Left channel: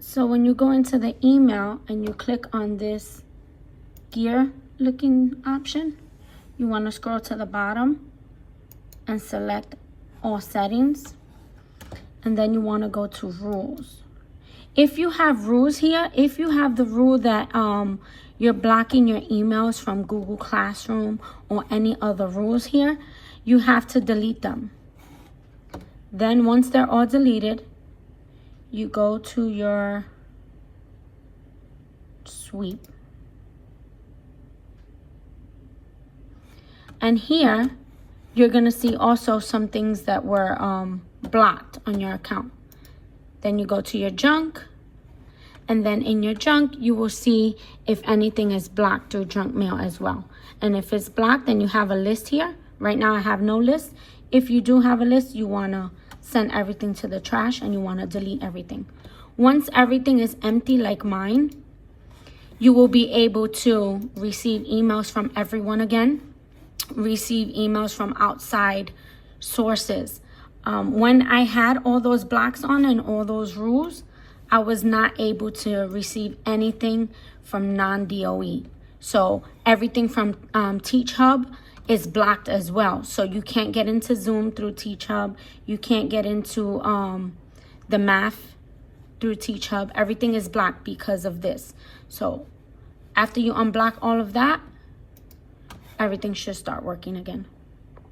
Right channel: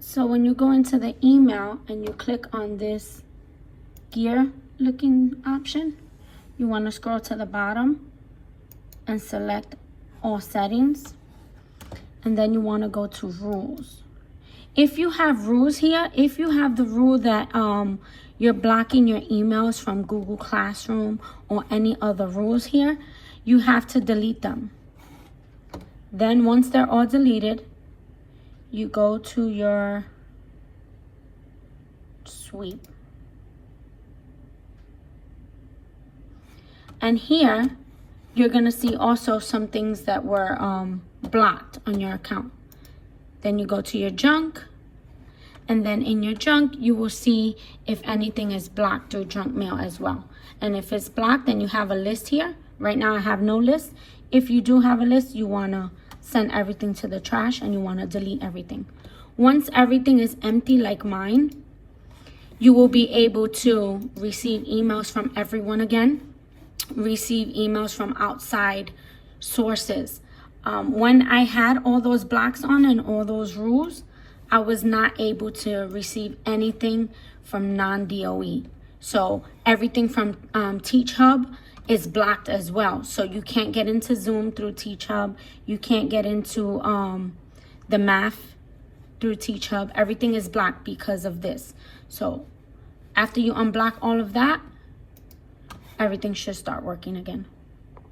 So when you go into the email and you click on this gear looking option, you want to scroll to the bottom and select all settings. And then you want to go to rules. If you have rules here, if you have the rule that you're blocking your emails from Google Classroom or any other rules here, you have to delete them. Then once they're all deleted, you go to your sweep. And here, you're gonna see also some things that were blocked on your account. Then you go to your junk, and then in your junk, you will see if anything is blocked through junk mail as well. And if it's blocked, then you have a list here. Right now I have no list. If you do have a list, you wanna send everything to the trash and you wanna delete everything. Once everything is empty like mine, you will be able to receive emails from everyone again, receive emails from outside sources. When I had all those blocks on and all those rules, I was not able to receive anything from non-DOE. So everything from TeachHub is blocked as well. So you can't get into Zoom through TeachHub. You can't get into the math through TeachHub. Everything is blocked because of this. So after you unblock all of that, everything should start working again.